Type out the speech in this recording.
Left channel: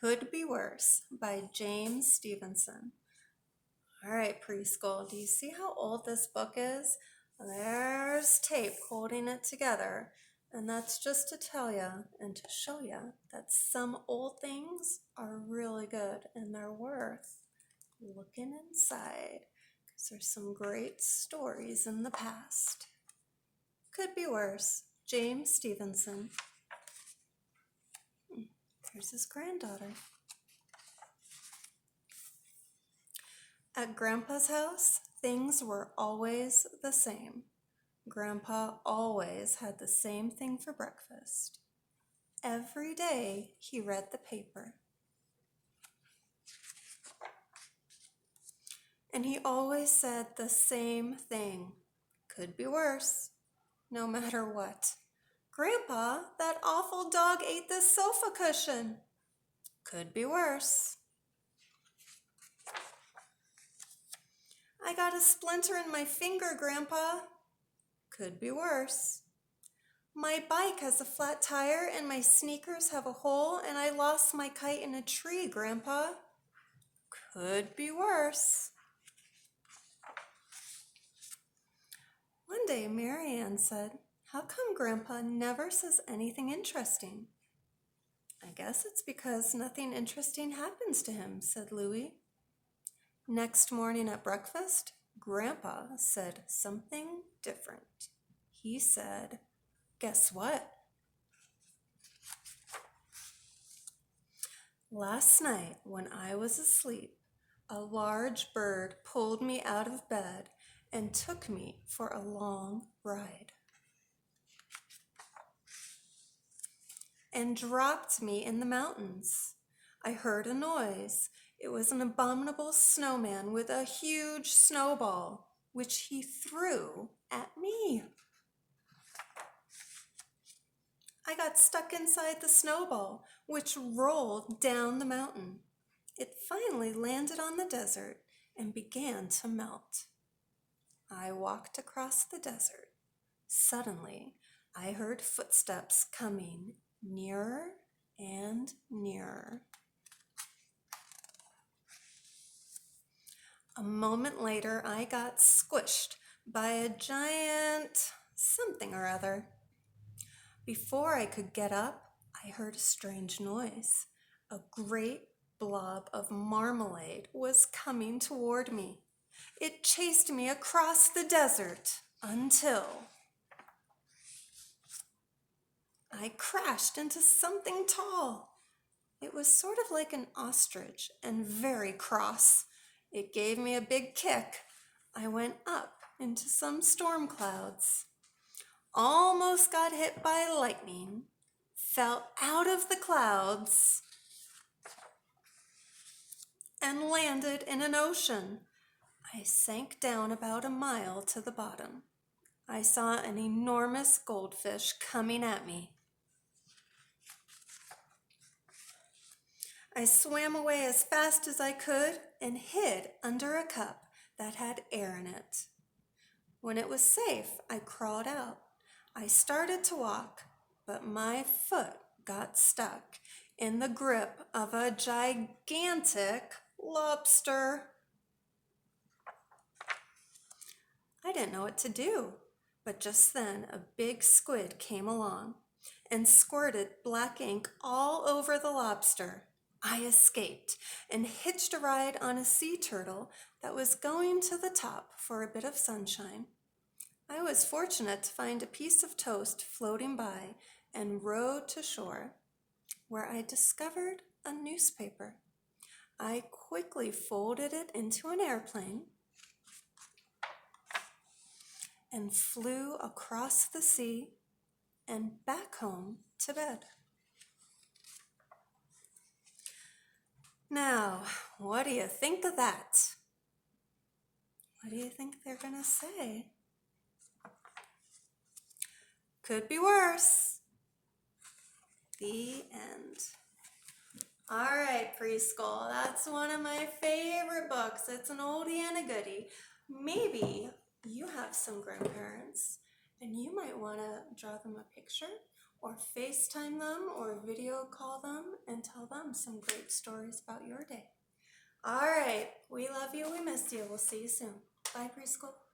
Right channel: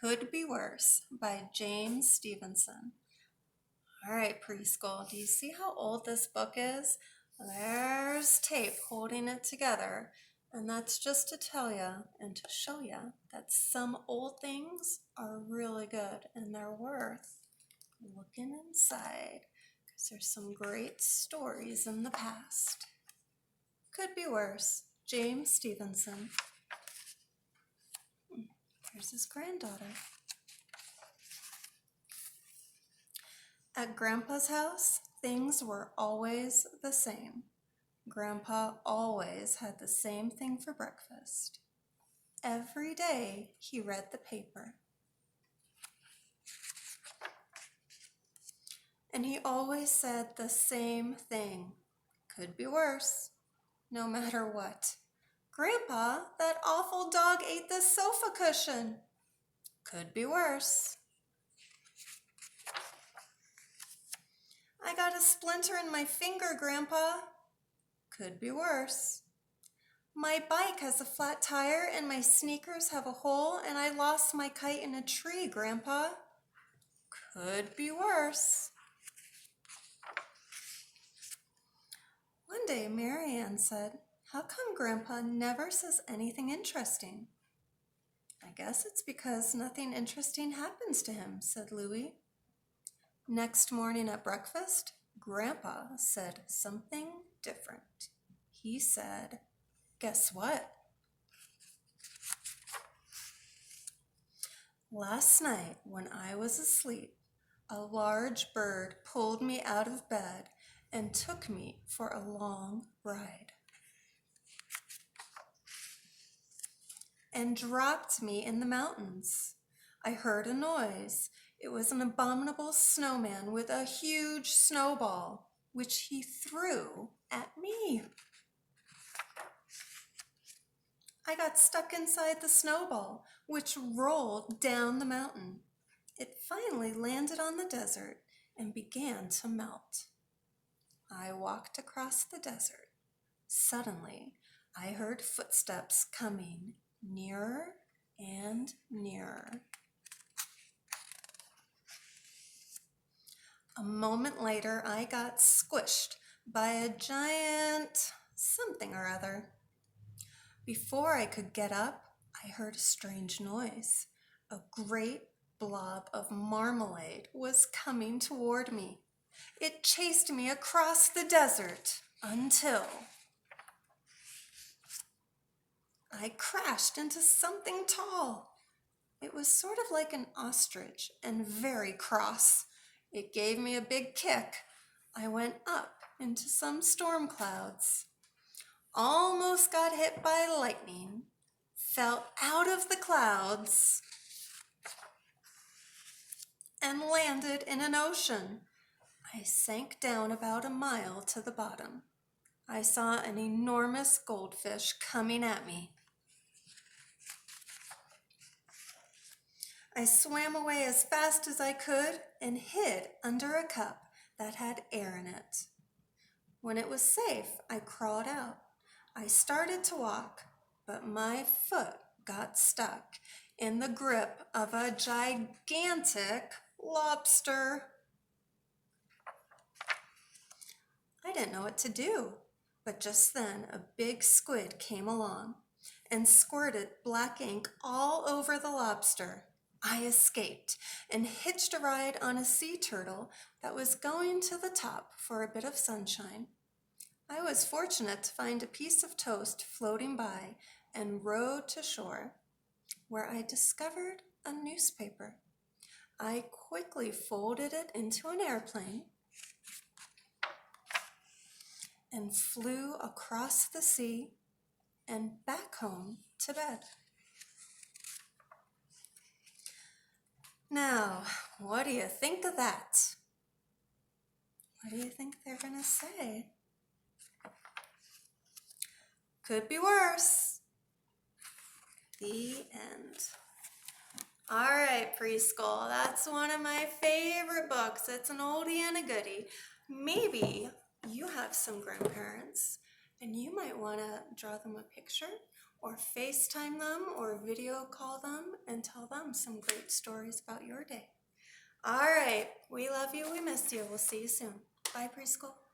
Could Be Worse by James Stevenson. All right, preschool, do you see how old this book is? There's tape holding it together. And that's just to tell you and to show you that some old things are really good and they're worth looking inside because there's some great stories in the past. Could Be Worse, James Stevenson. There's his granddaughter. At Grandpa's house, things were always the same. Grandpa always had the same thing for breakfast. Every day he read the paper. And he always said the same thing. Could be worse, no matter what. Grandpa, that awful dog ate this sofa cushion. Could be worse. I got a splinter in my finger, Grandpa. Could be worse. My bike has a flat tire and my sneakers have a hole and I lost my kite in a tree, Grandpa. Could be worse. One day, Marianne said, "How come Grandpa never says anything interesting?" "I guess it's because nothing interesting happens to him," said Louie. Next morning at breakfast, Grandpa said something different. He said, "Guess what? Last night when I was asleep, a large bird pulled me out of bed and took me for a long ride and dropped me in the mountains. I heard a noise. It was an abominable snowman with a huge snowball, which he threw at me. I got stuck inside the snowball, which rolled down the mountain. It finally landed on the desert and began to melt. I walked across the desert. Suddenly, I heard footsteps coming nearer and nearer. A moment later, I got squished by a giant something or other. Before I could get up, I heard a strange noise. A great blob of marmalade was coming toward me. It chased me across the desert until I crashed into something tall. It was sort of like an ostrich and very cross. It gave me a big kick. I went up into some storm clouds. Almost got hit by lightning. Fell out of the clouds and landed in an ocean. I sank down about a mile to the bottom. I saw an enormous goldfish coming at me. I swam away as fast as I could and hid under a cup that had air in it. When it was safe, I crawled out. I started to walk, but my foot got stuck in the grip of a gigantic lobster. I didn't know what to do, but just then a big squid came along and squirted black ink all over the lobster. I escaped and hitched a ride on a sea turtle that was going to the top for a bit of sunshine. I was fortunate to find a piece of toast floating by and rowed to shore, where I discovered a newspaper. I quickly folded it into an airplane and flew across the sea and back home to bed. Now, what do you think of that? What do you think they're going to say? Could be worse. The end. All right, preschool, that's one of my favorite books. It's an oldie and a goodie. Maybe you have some grandparents and you might want to draw them a picture or FaceTime them or video call them and tell them some great stories about your day. All right, we love you, we miss you. We'll see you soon. Bye, preschool.